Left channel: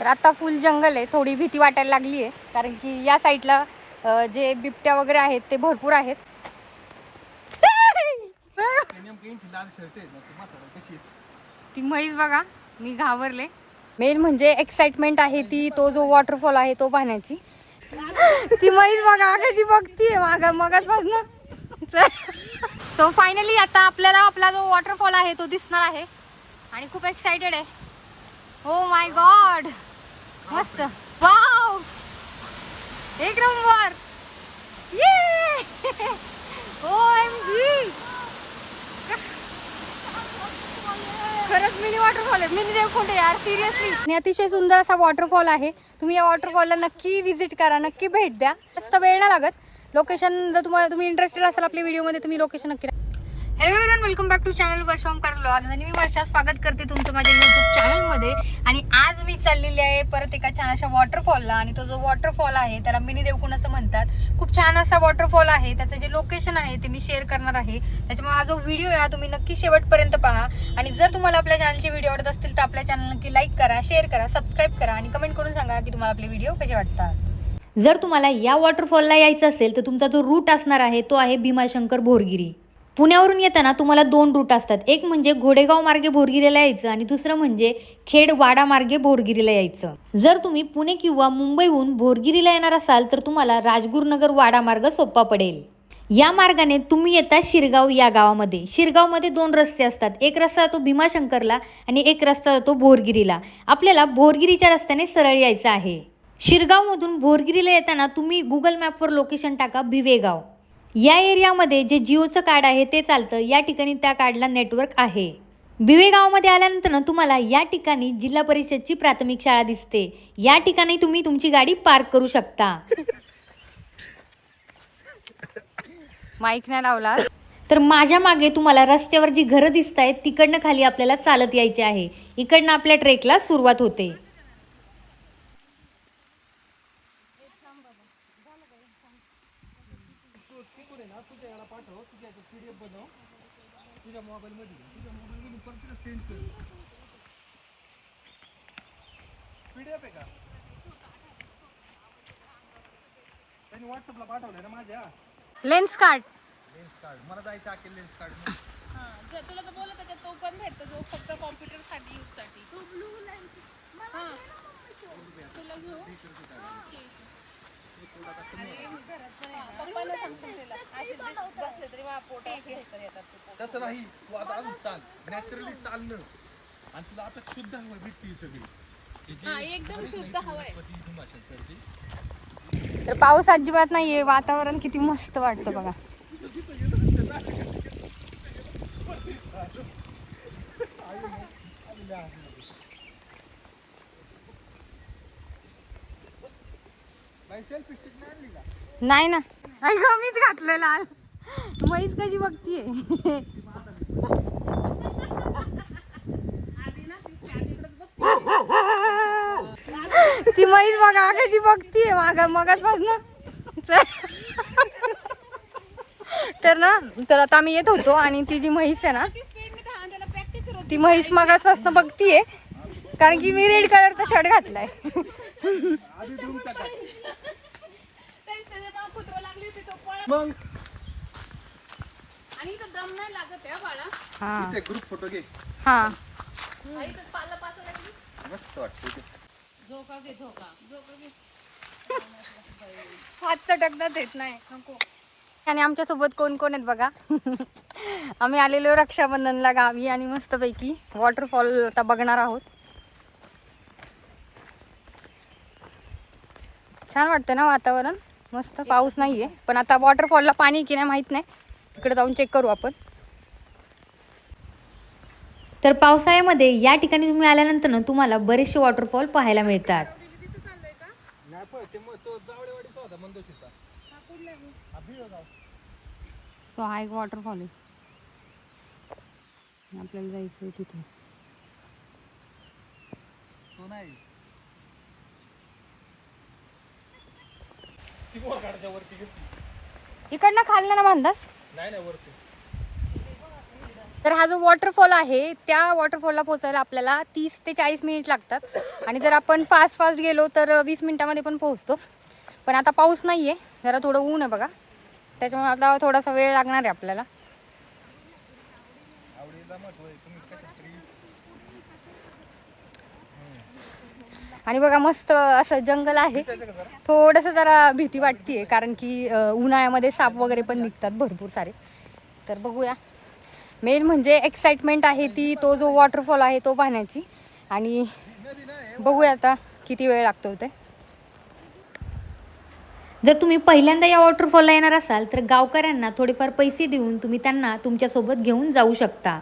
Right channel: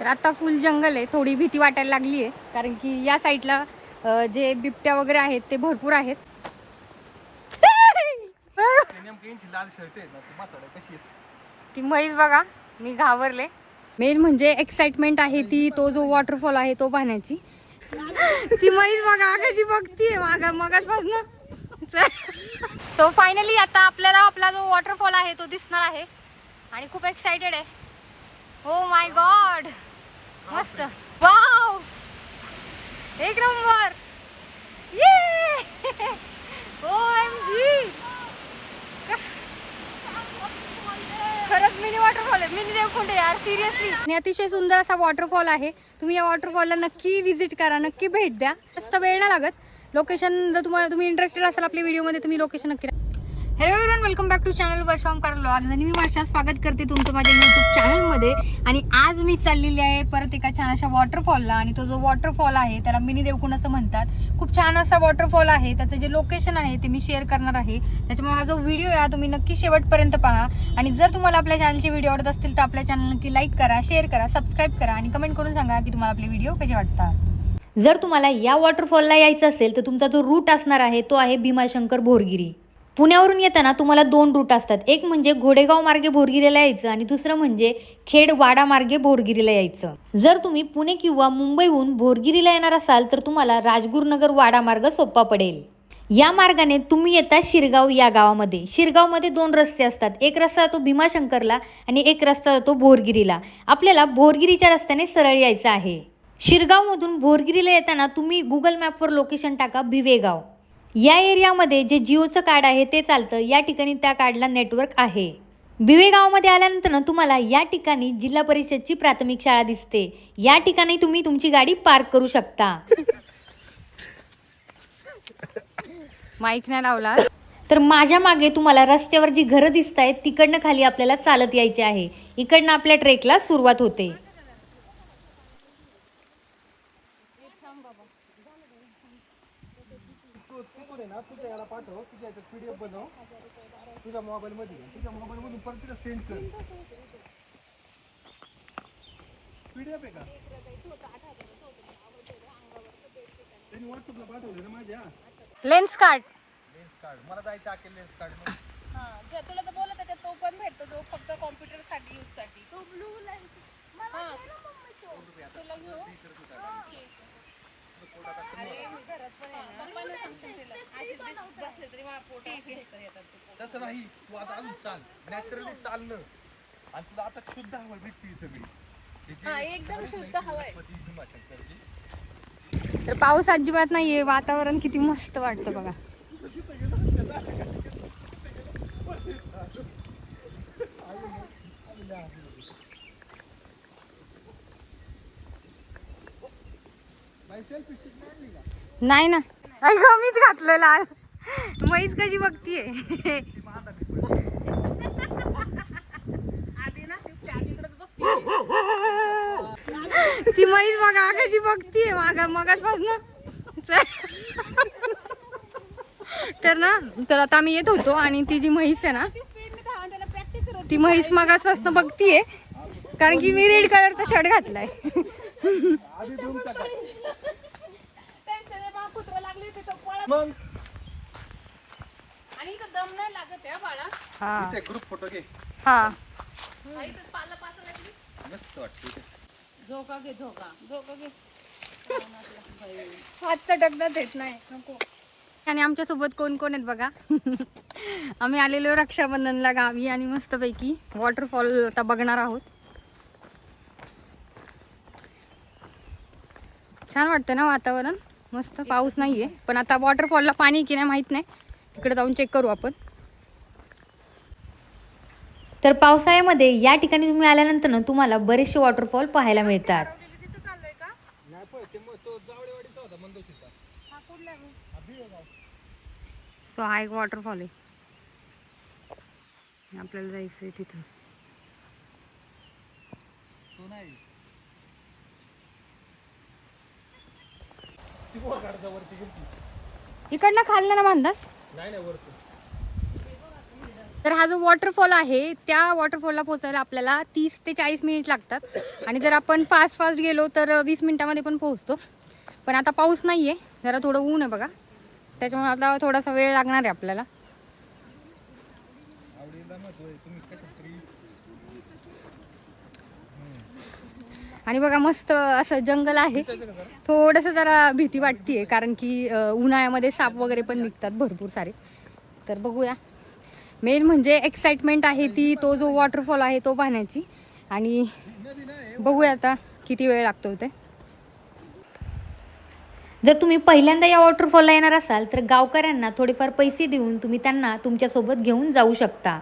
तर आता फुल जंगल आहे, थोडी भीती वाटायला लागली आहे कारण की या साईडला जे बिबट्या वगैरे आहेत ते भरपूर आहेत. ती म्हैस बघा, मी घाबरले. मेन म्हणजे एक्साइटमेंट आहे ती, तो जो वॉटरफॉल आहे तो पाहण्याची. ती म्हैस बघा कशी बघतीये मागं मगाचपासून. सो फायनली आता आपल्याला आपला जो वॉटरफॉल आहे तो दिसणार आहे आणि खूप एक्साइटेड आहे. ओ माय गॉड, मस्त, वाव, एक नंबर. OMG, खरंच मिनी वॉटरफॉल आहे, मिनी देवकुंड यार, सिरियसली. आणि अतिशय सुंदर असा वॉटरफॉल आहे. तुम्ही या वॉटरफॉलला नक्की व्हिजिट करा, नक्की भेट द्या. जास्त वेळ नाही लागत. लोकेशन जर तुम्ही इंटरेस्टेड असाल आपल्या व्हिडिओमध्ये, तुम्ही लोकेशन नक्की. Hello everyone, welcome back to channel वर्षाम करलो. आज मी वर्षा स्वागत करते तुमचं माझ्या यूट्यूब चॅनलमध्ये. आणि आज मी चाललेली आहे परत एका छान अशा वॉटरफॉलला. आणि तो जो वॉटरफॉल आहे त्याला मिनी देवकुंड असं म्हणतात. खूप छान असा वॉटरफॉल आहे. त्याचं जे लोकेशन आहे ते मी शेअर करणार आहे. त्याच्यामुळे हा जो व्हिडिओ आहे तुम्ही नक्की शेवटपर्यंत पहा. आणि जर तुम्हाला आपल्या चॅनलचे व्हिडिओ आवडत असतील तर आपल्या चॅनल नक्की लाईक करा, शेअर करा, सबस्क्राईब करा आणि कमेंट करून सांगा की तुम्हाला आपले व्हिडिओ कसे वाटतात. जर तुम्हाला या वॉटरफॉलला यायचं असेल तर तुमचा जो रूट असणार आहे तो आहे भीमाशंकर भोरगिरी. पुण्यावरून येताना तुम्हाला 2 रूट असतात. एक म्हणजे घोडेगाव मार्गे भोरगिरीला यायचं आणि दुसरं म्हणजे खेड वाडा मार्गे भोरगिरीला यायचं. जर तुम्ही पुणे किंवा मुंबईहून भोरगिरीला येणार असाल तर तुम्हाला राजगुरुनगर वाडा मार्ग सोपा पडेल. या मार्गाने तुम्ही येता शिरगाव या गावामध्ये. शिरगावमध्ये 2 रस्ते असतात. एक रस्ता जातो भीमाशंकरला आणि एक रस्ता जातो भोरगिरीला. आपल्याला भोरगिरीच्या रस्त्याने सरळ यायचं आहे. शिरगावमधून भोरगिरीला येताना तुम्ही गुगल मॅपवर लोकेशन टाका भिवेगाव. या एरियामध्ये जे जिओचं कार्ड आहे ते चालतं. या ठिकाणी त्या कार्डला नेटवर्क आहे. भिवेगावमध्ये आल्यानंतर तुम्हाला या ठिकाणी जिल्हा परिषदची प्राथमिक शाळा दिसते. या ठिकाणी तुम्ही तुमची गाडी पार्क करू शकता. माईक नाही लावला तर माझ्या मागे तुम्हाला रस्त्यावर जी घरं दिसत आहेत तिकडनं खाली आपल्याला चालत यायचे आहे. इकडनं आपल्या ट्रेकला सुरुवात होते. तुझ्या मोबाईल मधून परत तिला सेंड कर. पीडीएफ आहे का? त्यांनी व्हॉट्सअपला पाठवले ना माझ्या. Lens card. मला जायचं आहे लेन्स कार्ड. तुला तर बोलत त्याच्यात तो पण भेटतो जो फक्त कॉम्प्युटर साठी यूज साठी. तो ब्लू लाईट. हां. तुला घेऊ. तसं नाही, तू आता अजून चाल, नॅचरली चालणं आणि तुला आता शुद्ध हवा भेटते सगळी. एकदम शुद्ध हवा आहे. तर पाऊस अजिबात नाहीये, वातावरण किती मस्त वाटतं बघा. नाही ना, अगं मीच घातलं लाल. म्हैस कशी बघतीये. ती म्हैस बघा कशी बघतीये मगाचपासून. तर आता आम्ही येत होतो आणि ती जी म्हैस आहे ना ती म्हैस मगाचपासून बघतीये कारण की मी रेड कलरचा शर्ट घातलाय. मग आणि इथं दम नाही लागत आहे बाळा. हा ग्रुप फोटो घे. हा मस्त वाटतं. झोका घे, झोका घे. हात चटकतात येत नाही नको. आणि आमच्या सोबत कोण कोण आहेत बघा. आम्ही आलेलो रक्षाबंधनला गावी आणि मस्तपैकी वॉटरफॉल आता बघणार आहोत. छान वाटतं ना वातावरण, मस्त. पाऊस नाहीये पण आता वॉटरफॉलला पाणी की नाही माहित नाही, तिकडे जाऊन चेक करू आपण. तर पावसाळ्यामध्ये या ठिकाणी तुम्ही आल्यानंतर ना तुम्हाला बरेचसे वॉटरफॉल पाहायला मिळतात. सो हा एक वॉटरफॉल आहे, आपल्याला जायचंय तिथून. तो नाही इकडनं खाल्लं ना बांधास. नाही वरती. तर हा जो वॉटरफॉल आहे त्या वॉटरफॉलला पोहोचायला आपल्याला 30 ते 40 मिनिट लागतात आणि जर आपण फास्ट गेलो तर 20 मिनिटामध्ये पण पोहोचतो. पण आता पाऊस नाही आहे, जरा थोडं ऊन आहे बघा, त्याच्यामुळे आता थोडासा वेळ लागणार आहे आपल्याला. आणि बघा मस्त असं जंगल आहे. थोडंसं जरा भीती वाटते कारण की उन्हाळ्यामध्ये साप वगैरे पण निघतात भरपूर सारे. तर बघूया. मेन म्हणजे एक्साइटमेंट आहे ती तो जो वॉटरफॉल आहे तो पाहण्याची. आणि बघूया आता किती वेळ लागतो ते. जर तुम्ही पहिल्यांदा या वॉटरफॉलला येणार असाल तर गावकऱ्यांना थोडेफार पैसे देऊन तुम्ही त्यांना तुमच्यासोबत घेऊन जाऊ शकता.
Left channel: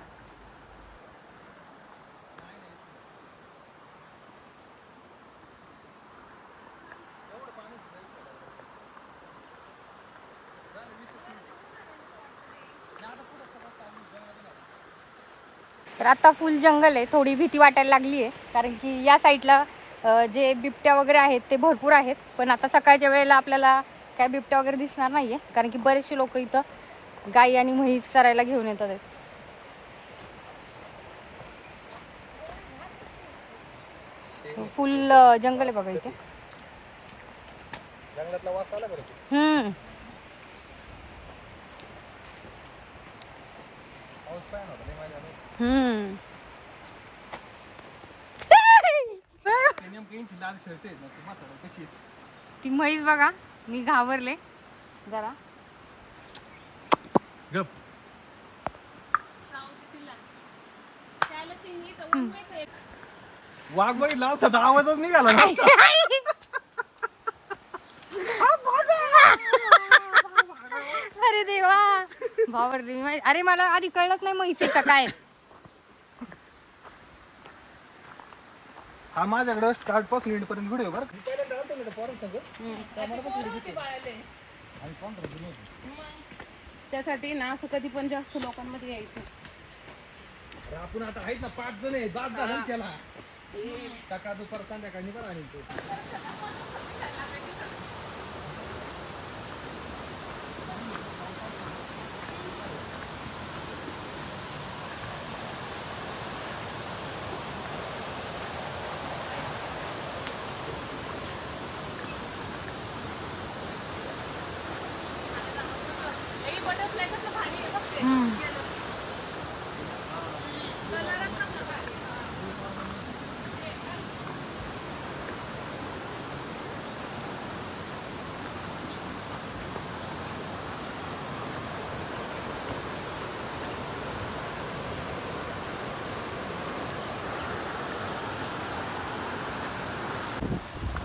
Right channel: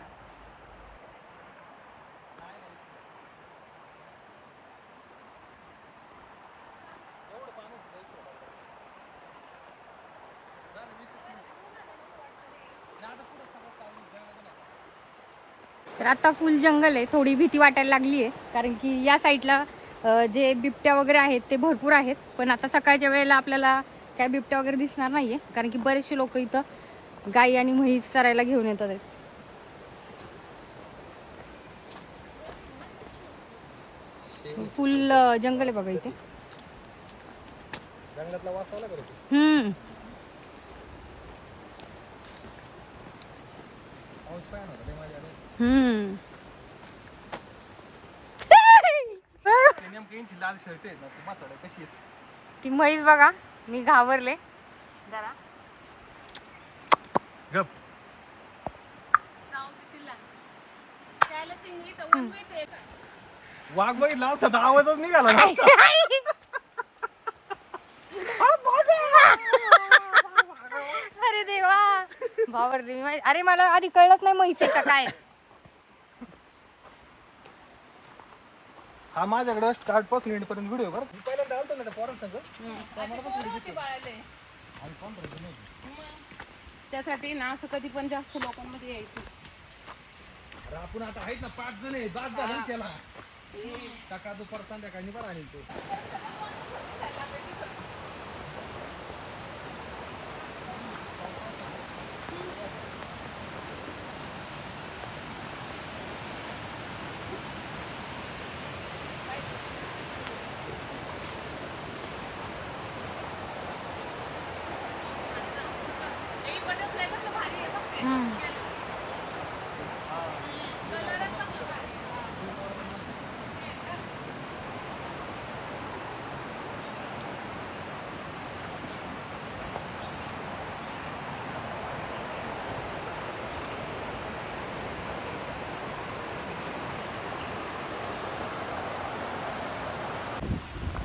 तर आता फुल जंगल आहे, थोडी भीती वाटायला लागली आहे कारण की या साईडला जे बिबट्या वगैरे आहेत ते भरपूर आहेत. पण आता सकाळच्या वेळेला आपल्याला काय बिबट्या वगैरे दिसणार नाहीये कारण की बरेचसे लोक इथं गाई आणि म्हैस चरायला घेऊन येतात आहेत. फुल जंगल आहे बघा इथे. लाल शर्ट आहे ना ती मसाला कशी ती म्हैस बघा, मी घाबरले जरा. गप वाघ बघितला असता तर आवाजच निघाला ना. अरे देवा, बाबरले. अरे मला आधी कळलंच नाही म्हैस का काय. हा माझ्याकडे स्टार्ट पासून एंड पर्यंत व्हिडिओ बरं. पहिल्यांदा आलतो ना पोरांसंग आणि कोण राहिलं नव्हतं. त्यासाठी ना असं कधी पण जास्त लोकांमध्ये यायचं. अरे आपण आता आहेत ना 5 जण आहे, बाद झालं ना त्याला. सकाळ दुपार संध्याकाळी बरं आले तो.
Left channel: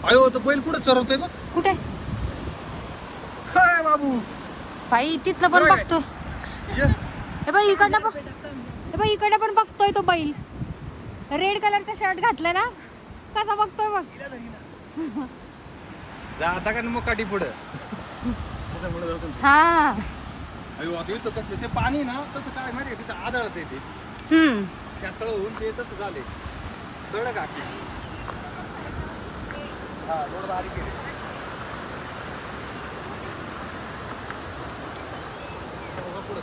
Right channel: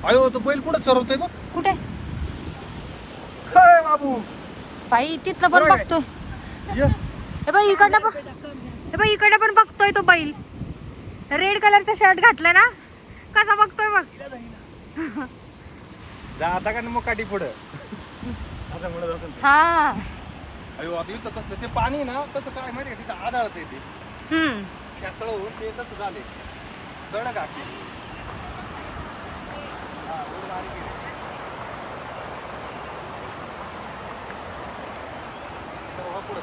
अयो तो बैल कुठं चरवतोय बघ. कुठे हाय बाबू बाई, तिथलं पण बघतो. ये. हे बाई इकडनं पण, हे बाई इकडनं पण बघतोय तो बैल. रेड कलरचा शर्ट घातलाय ना, कसा बघतोय बघ. जा आता का मग काठी पुढं असं म्हणत असेल. हा अयो आता इथं कसं ते पाणी ना कसं काय माहिती तिथं आदळत ते त्याचं होऊन ते कसं झाले दड घातली. हा रोड बारीक आहे. बघा पुढं.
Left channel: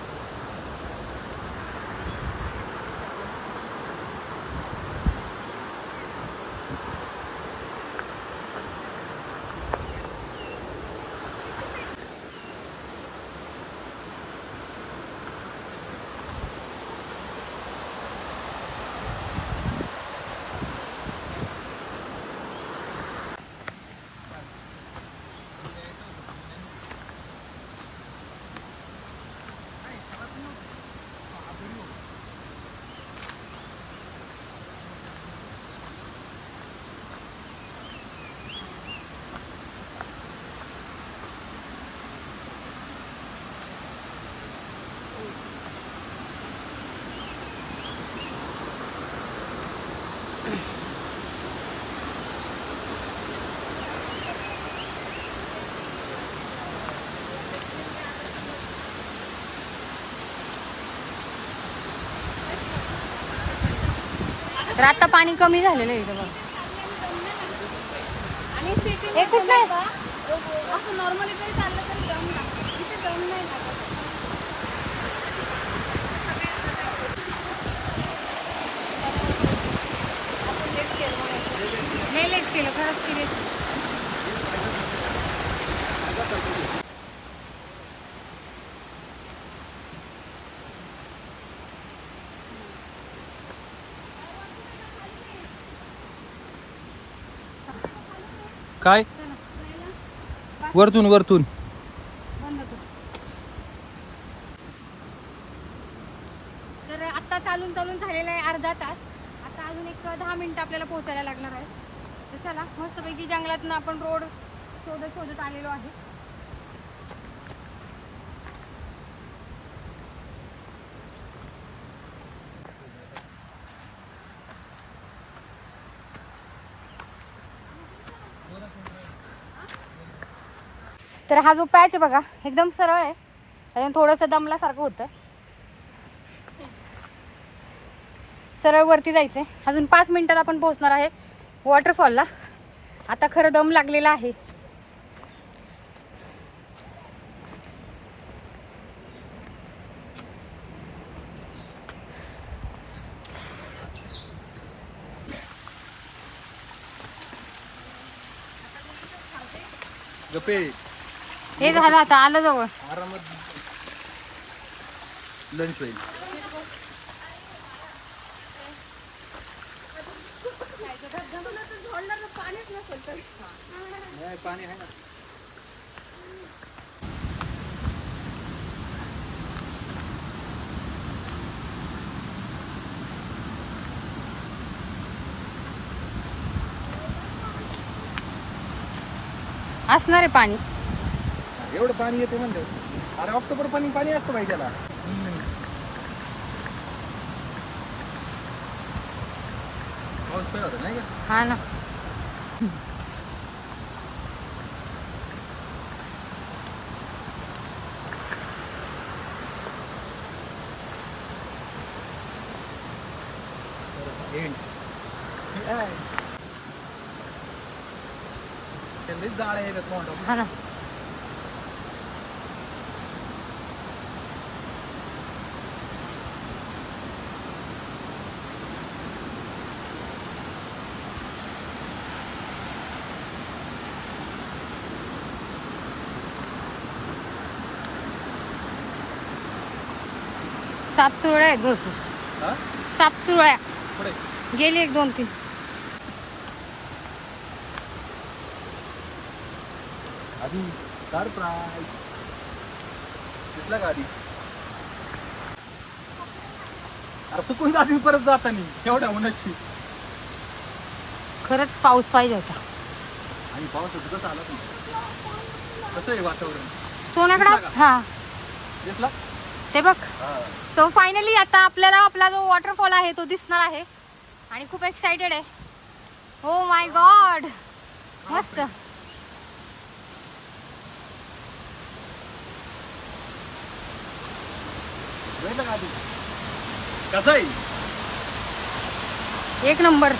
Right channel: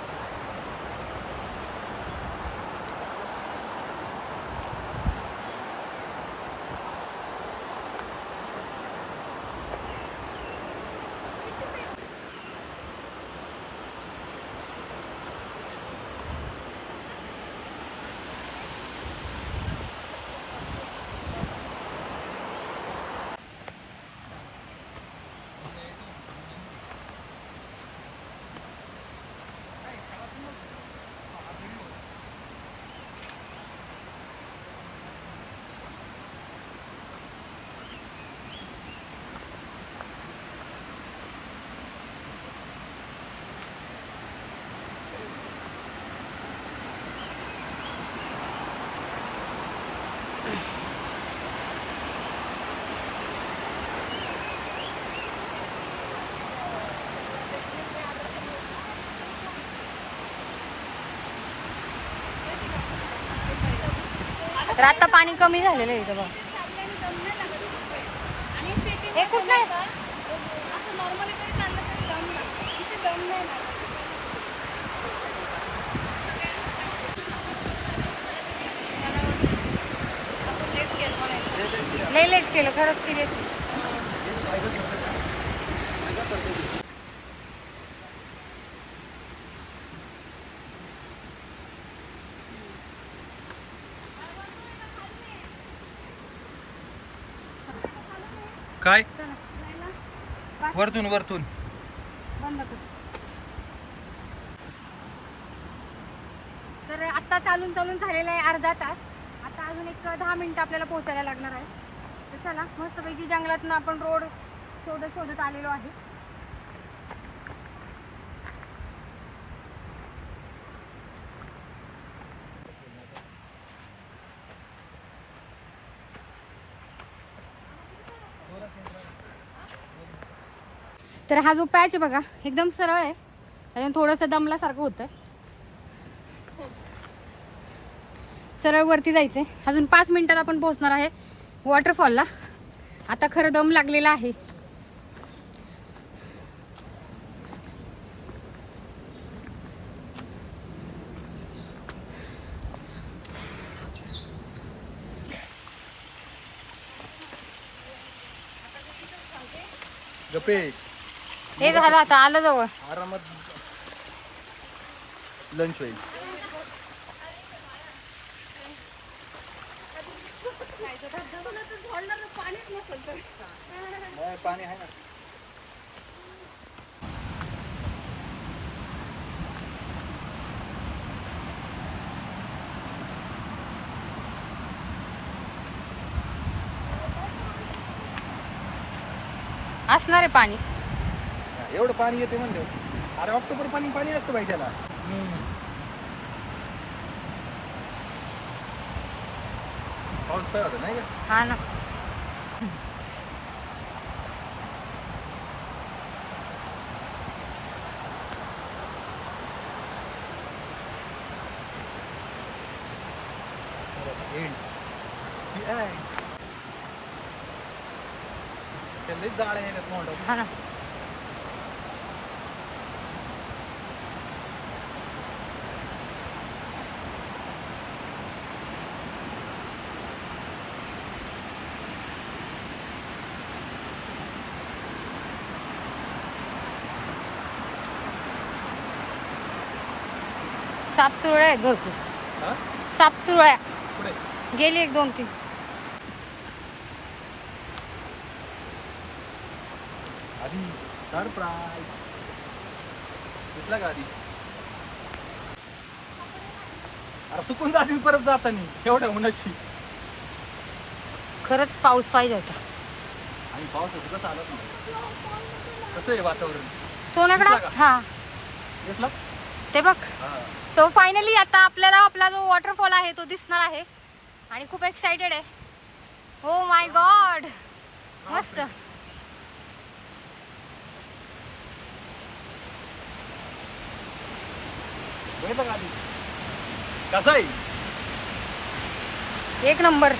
तर आता पाणी कमी झालेलं आहे इथं बघ. आणि setting हे कुठं नाही असं नॉर्मली काही चाललं तरी दम लागतो. इथे दम नाही लागत. लय लेट केलं खरंच सिरियसली. काय वरतून वरतून बंद कर. तर आता चालून झालेला आहे अर्धा तास. आता अजून एक 10 मिनिटं आपल्याला पोहोचायला लागणार आहे. तर चला मस्तपैकी जंगलातनं आपण रोड शोधत आलेलो आहे. तर हा जो पॅच आहे बघा एकदम सरळ आहे. त्याच्यानं थोडंसं दमल्यासारखं होतं. सरळ वरती जायचंय. अजून 5 मिनिटात आपण पोहोचणार आहे वॉटरफॉलला. आता खरं दम लागलेला आहे. गप्पे हे झालं आता आलं जवळ. आरामात लंच होईल. पाणी आहे ना. असणार आहे पाणी. एवढं पाणी येते म्हणलं. अरे ऑक्टोबर पाणी असतं बाई त्याला. पाऊस काय होता नाही का? हा ना. जाळ आहे तोंड. हा ना. सापसुरळ्या आहेत भरपूर. हा? सापसुरळ्या पुढे गेली 1 2 3. आधी सरप्राईज दिसला का आधी? अरे सुकून जाते परत जातानी एवढ्या उन्हाची. खरंच पाऊस पाहिजे होता. आणि पावसाचं कसं आलं नाही. कसं आहे वातावरण? सोनाकडा. दिसला का? हा दिसला? ते बघ. हा. तो फायनली आता आपल्याला आपला जो वॉटरफॉल आहे तो दिसणार आहे. आणि खूप एक्साइटेड आहे. ओ माय गॉड मस्त. बघितलं का आधी? कसं आहे? 1 number.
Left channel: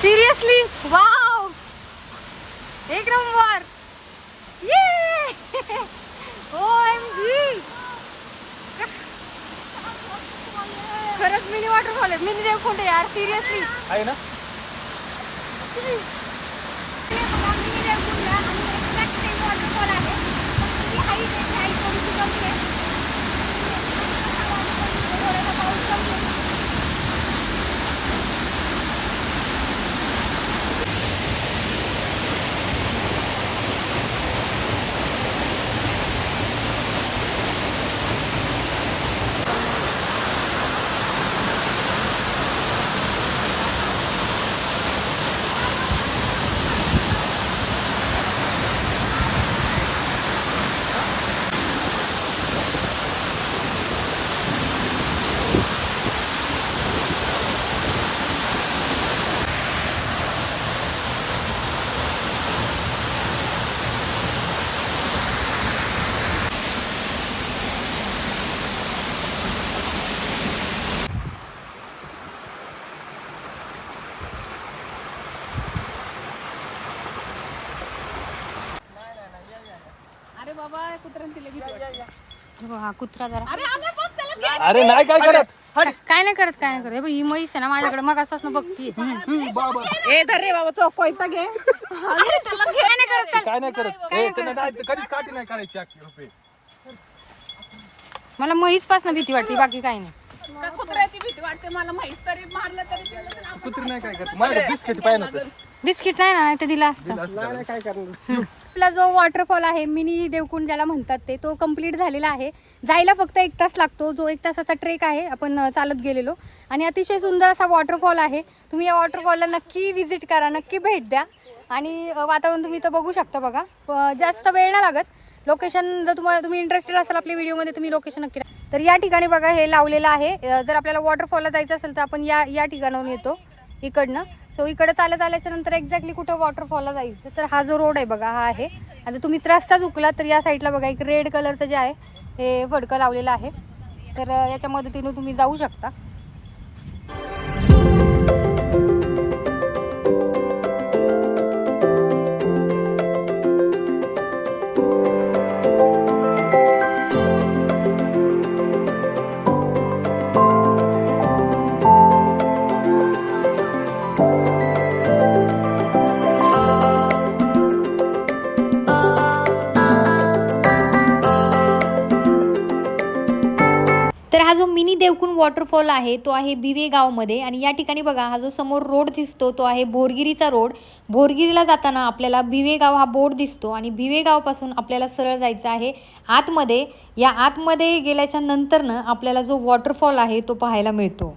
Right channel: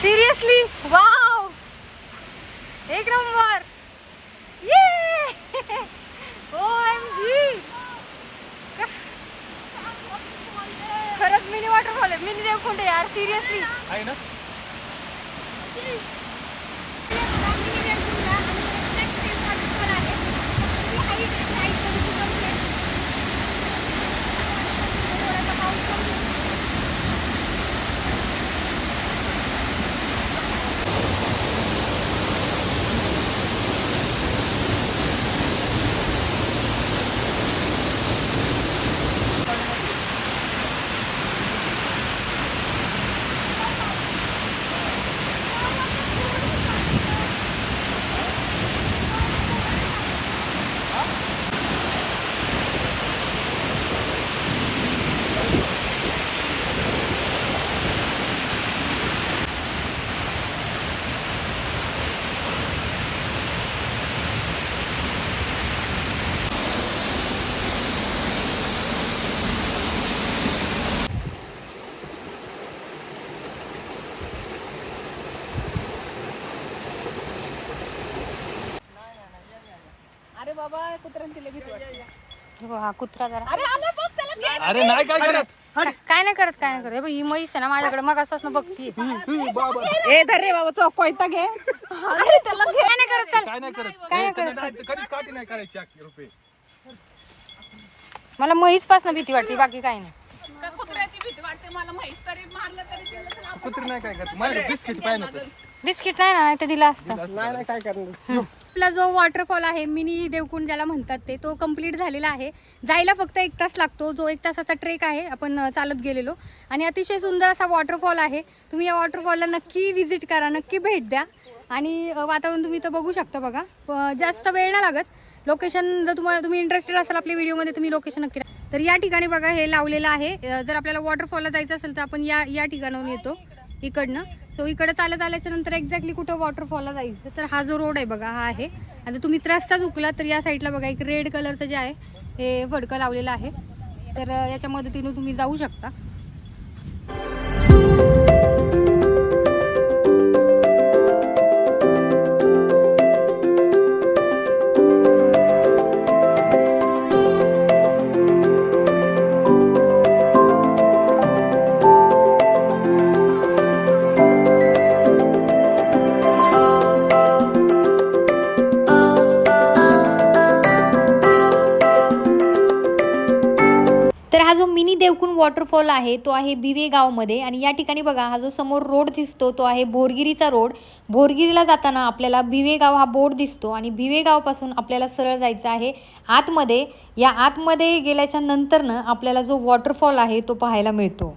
Seriously wow 1 number. OMG खरंच मिनी वॉटरफॉल आहे. मिनी देवकुंड यार सिरियसली. आहे ना? मिनी देवकुंड आणि एक्झॅक्ट सेम वॉटरफॉल आहे. हाईट थोडीशी कमी आहे. थोडासा पाऊस कमी आहे. अरे बाबा कुत्र्यांची लगेच हा कुत्रा जरा. अरे आला बघ त्याला. अरे नाही काय करत. काय नाही करत काय नाही करत. हे बघ, ही म्हैस आहे ना माझ्याकडे मग असं बघतीये. ए धर रे बाबा तो कोयता घे काय नाही करत चल. काय नाही करत काय हो, करत? नाही, कधीच काठी नाही काढायची 1 रुपये. मला म्हैस पासून भीती वाटते, बाकी काही नाही. तर कुत्र्याची भीती वाटते मला माहित तरी मारलं तरी त्याला तर आपण कुत्री नाही काय करत माझ्या बिस्किट पाहिजे नव्हतं. बिस्किट नाही ना, ते दिलं असतं. आपला जो वॉटरफॉल आहे मिनी देवकुंड ज्याला म्हणतात ते, तो कम्प्लीट झालेला आहे. जायला फक्त 1 तास लागतो. जो 1 तासाचा ट्रेक आहे, आपण चालत गेलेलो. आणि अतिशय सुंदर असा वॉटरफॉल आहे. तुम्ही या वॉटरफॉलला नक्की व्हिजिट करा, नक्की भेट द्या. आणि वातावरण तुम्ही इथं बघू शकता बघा. जास्त वेळ नाही लागत. लोकेशन जर तुम्ही इंटरेस्टेड असाल आपल्या व्हिडिओमध्ये, तुम्ही लोकेशन नक्की तर या ठिकाणी बघा हे लावलेलं आहे. जर आपल्याला वॉटरफॉलला जायचं असेल तर आपण या ठिकाणाहून येतो इकडनं. सो इकडे चालत आल्याच्या नंतर एक्झॅक्टली कुठं वॉटरफॉलला जायचं तर हा जो रोड आहे बघा हा आहे. आणि तुम्ही रस्ता चुकला तर या साईडला बघा एक रेड कलरचं जे आहे हे फडकं लावलेलं आहे. तर याच्या मदतीने तुम्ही जाऊ शकता. तर हा जो मिनी देवकुंड वॉटरफॉल आहे तो आहे भिवे गावमध्ये. आणि या ठिकाणी बघा हा जो समोर रोड दिसतो तो आहे भोरगिरीचा रोड. भोरगिरीला जाताना आपल्याला भिवे गाव हा बोर्ड दिसतो आणि भिवे गावपासून आपल्याला सरळ जायचं आहे आतमध्ये. या आतमध्ये गेल्याच्या नंतरनं आपल्याला जो वॉटरफॉल आहे तो पाहायला मिळतो.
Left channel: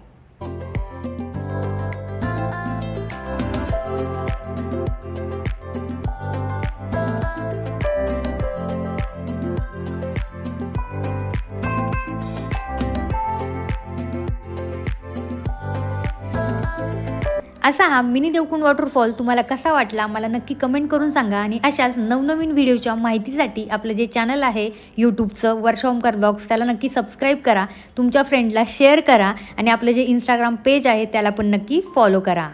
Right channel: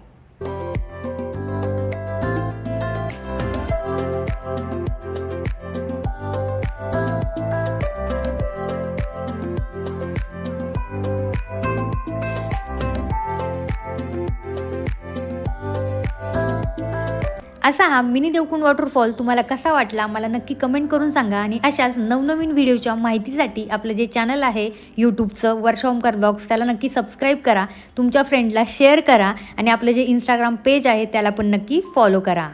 असा हा मिनी देवकुंड वॉटरफॉल तुम्हाला कसा वाटला मला नक्की कमेंट करून सांगा. आणि अशाच नवनवीन व्हिडिओच्या माहितीसाठी आपलं जे चॅनल आहे यूट्यूबचं वर्षा ओमकार ब्लॉग्स त्याला नक्की सबस्क्राईब करा, तुमच्या फ्रेंडला शेअर करा आणि आपलं जे इंस्टाग्राम पेज आहे त्याला पण नक्की फॉलो करा.